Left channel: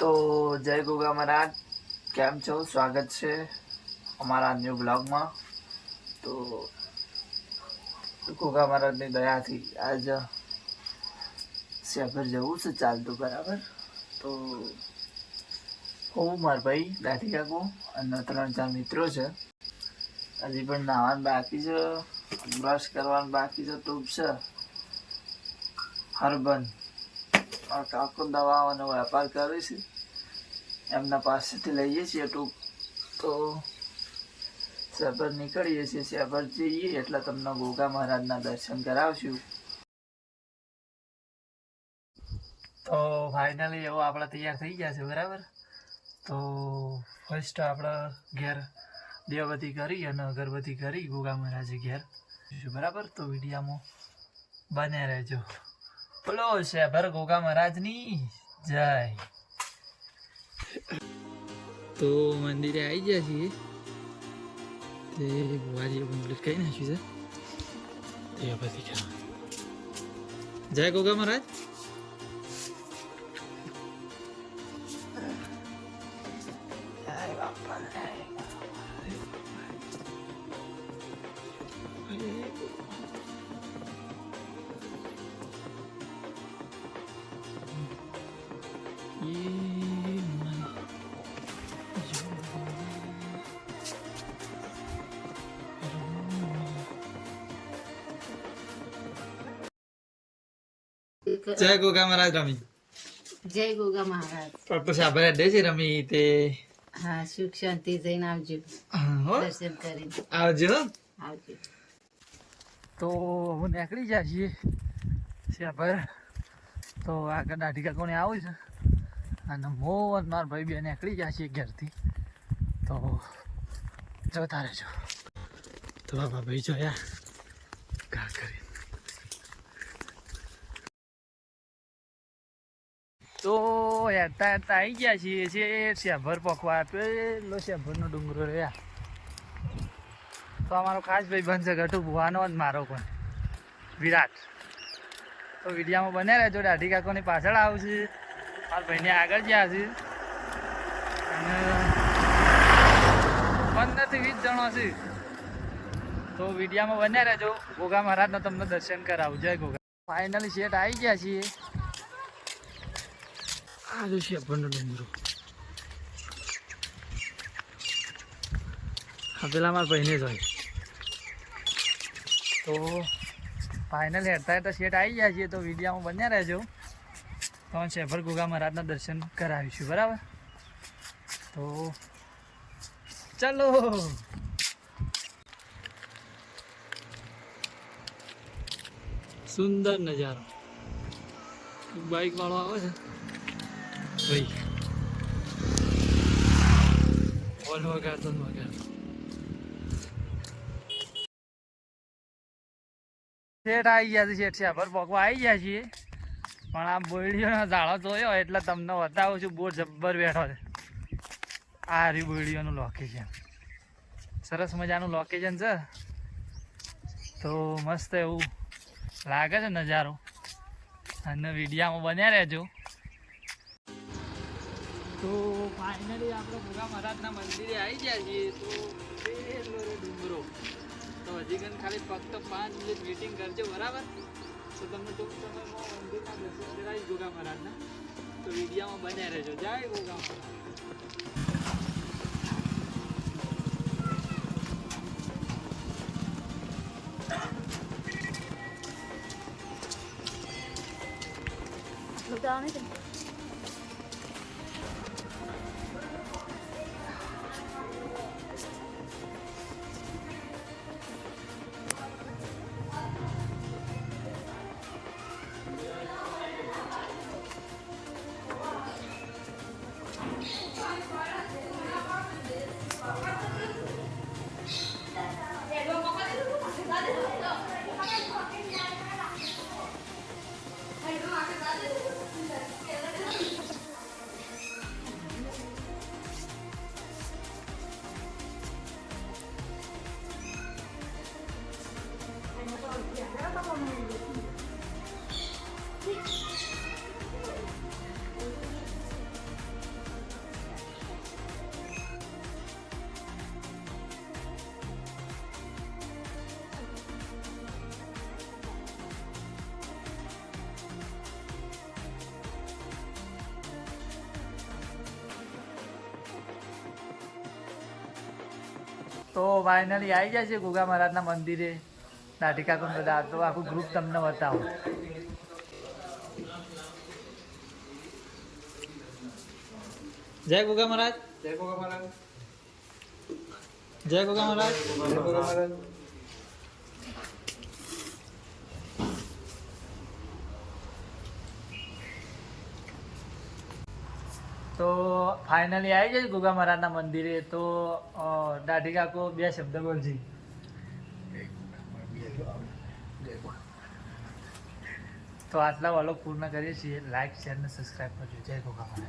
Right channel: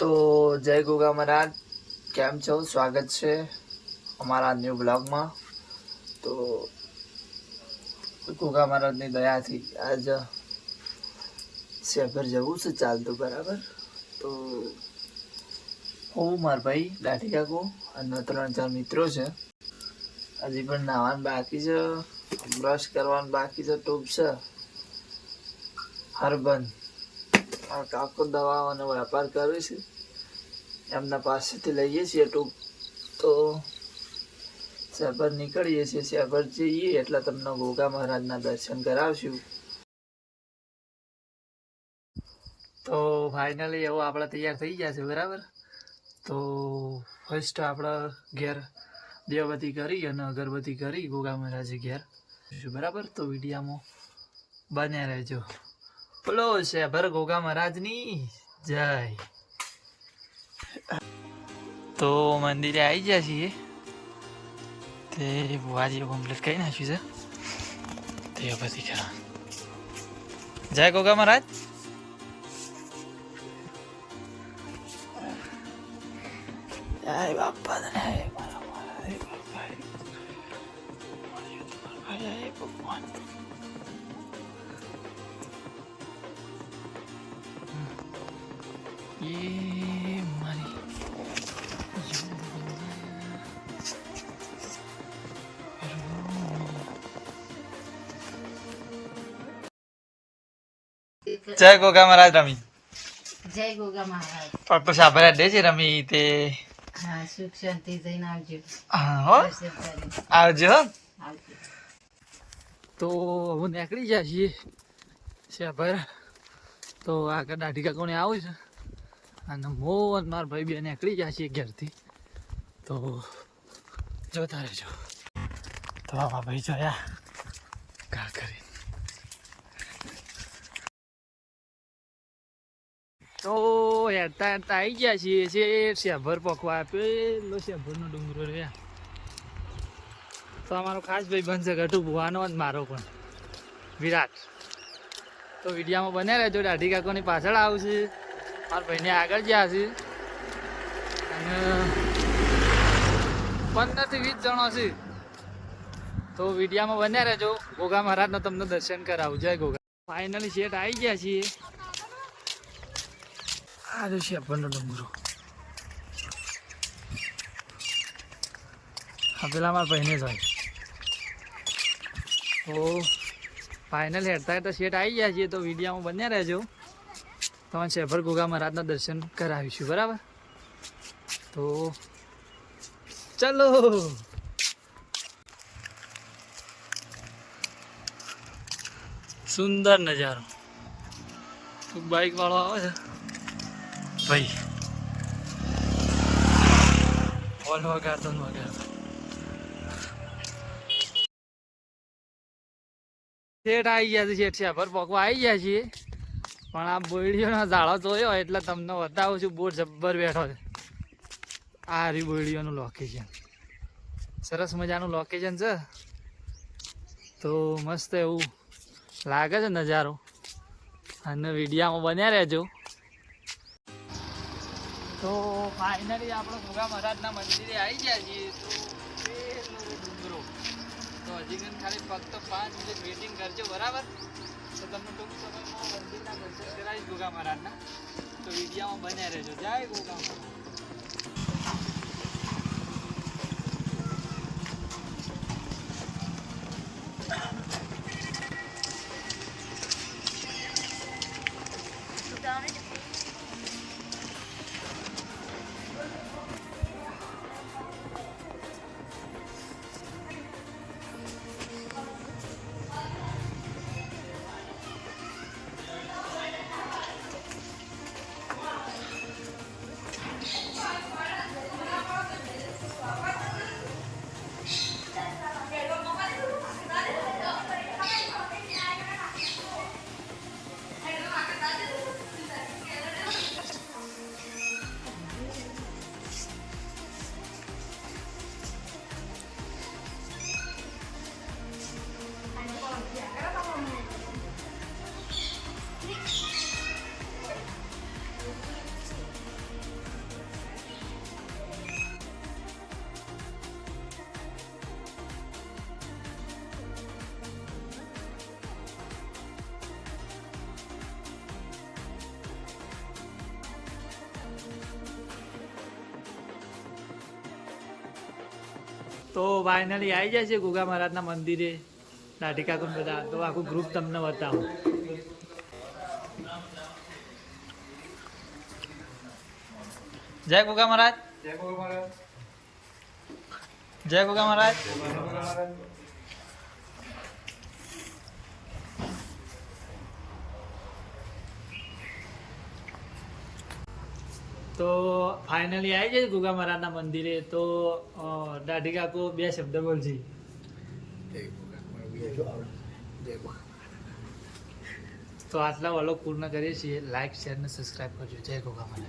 તો જય ગોગા મહારાજ. કેમ છો? સ્વાગત છે અમારા ન્યૂ બ્લોગમાં તો ગોગા મહારાજની દયાથી આજ શેભર જવું છે ચાલતું, બરાબર? તો હું, મારા ભાઈ, દાઢી કાકો અને ત્રણ ચાર મિત્રો છે. હજી પણ નાવાનું બાકી છે. બ્રશ કરવાનું બાકી છે, ટૂંક છે. હરબન. મારો કાકો દવાઓનો વેપાર કરે છે. એમના પાસેથી લઈએ છીએ ટૂંક. તો શેભર નીકળીએ છીએ. શેભર જઈએ એટલે તમને ગોગા મહારાજના દર્શન કરાવશું. તો ફાઇનલી એવો આપણે તૈયાર થઈ ગયા છે, બરાબર? તો ફર્સ્ટ આપણે ઘેર દેવબતી કરી અને અગરબત્તી કરી ગોગા મહારાજે ઘેર. બરાબર? તો વિડીયામાં બને રહેજો. બોલો શેભર ગોગા મહારાજની જય. તો મંદિરે આવી ગયા છીએ. તે બુવાજીએ કમ્પ્લીટ કરી નાખ્યું છે. તે પછી ખરા જય ગોગા મહારાજ. ભગવાન એ મારી જય ગોગા મહારાજ રમી. જય ગોગા મહારાજ. પણ પછી આભાર દે છે રમી તે. હા સુખ શાંતિ જઈને આવજો. હા, હો. આવજો આવજો. તો હું નીકળી જાય છીએ. શેભર તો આગળ દાઢી કાકોને આવું છે. અને મોહન માર ભાઈ બે નીકળી ગયા છીએ ઘેરથી. તો જોતા રહેજો. તો આમાં ભાઈ જોયા કા કરી. તો હેરતા હેરતા આવી ગયા છીએ. છે શેભર પકવા એટલો શેભરનો ડુંગરો રહ્યા તો અમારો ખાસ ભાઈ બનશે ગટુ ભુવાનો જ મારો પણ. વિરાટ. તો વિડીયામાં બને રહેજો. દાઢી કાકોની પાછળ આવશે. મારા ભાઈને આગળ ગયા છે. અને પંદરથી વીસ જણો છે. તો વિડીયામાં બન્યા રહેજો. ગોગા મહારાજનો તમને દર્શન કરાવું. જય ગોગા. ફાઇનલી શેઠ આવી ગયા છીએ. આ જો છે આપણનો ડુંગરો. હા પેલા મારા ભાઈને જ હોય. તો ફાઇનલ હેડતા હેડતા શેઠ આવી ગયા છીએ. તો વિડીયામાં બન્યા રહેજો. તમને શેભર ગોગા મહારાજના દર્શન કરાવીશું, બરાબર? તો ચાલો. સુંદર નજારો. બાઈક વાળો આવે છે? ભાઈ. હોલ વગાડતો વગાડતો. શેઠ આવી ગયા છે, શેઠ શેભર પકવા આવી ગયા છીએ. પણ આ બોયડીઓનો ઝાડો જોયો એટલે તમને બતાવું છું બહુ જબ્બર બેઠો છે. આ રહ્યું બોયડીઓનું લોકેશન સરસ મજાનું લોકેશન છે. તો મસ્ત એવું લાગે છે નજારો. અને વિડીયામાં બન્યા રહેજો. તો ફાઇનલી આપણે ભોગા મહારાજના મંદિરે આવી ગયા છીએ. તો ડુંગરો. તો હજી ખાલી ફક્ત પાંચ મિનિટ વેઇટિંગ કરજો, બરાબર? તો તમને ટૂંક મંદિરના દર્શન કરાવીશ ગોગા મહારાજના તો વિડીયામાં બન્યા રહેજો. જય ગોગા મહારાજ તો ફાઇનલી આવી જાય છે ગુગા મહારાજના મંદિરે. કાકુન બધા? તો આખું ગ્રુપ તમને બતાવો. જય ગુગા મહારાજ. જય ગુગા મહારાજ. તો ફાઇનલી આવી જાય ગુગા મહારાજના મંદિરે. તો દાઢી કાકો બે શબ્દ બોલજી. તો આટલા વાલો પૂર્ણ કરીએ છીએ. લાઈક શેર અને સબસ્ક્રાઈબ કરજો. જય ગોગા મહારાજ.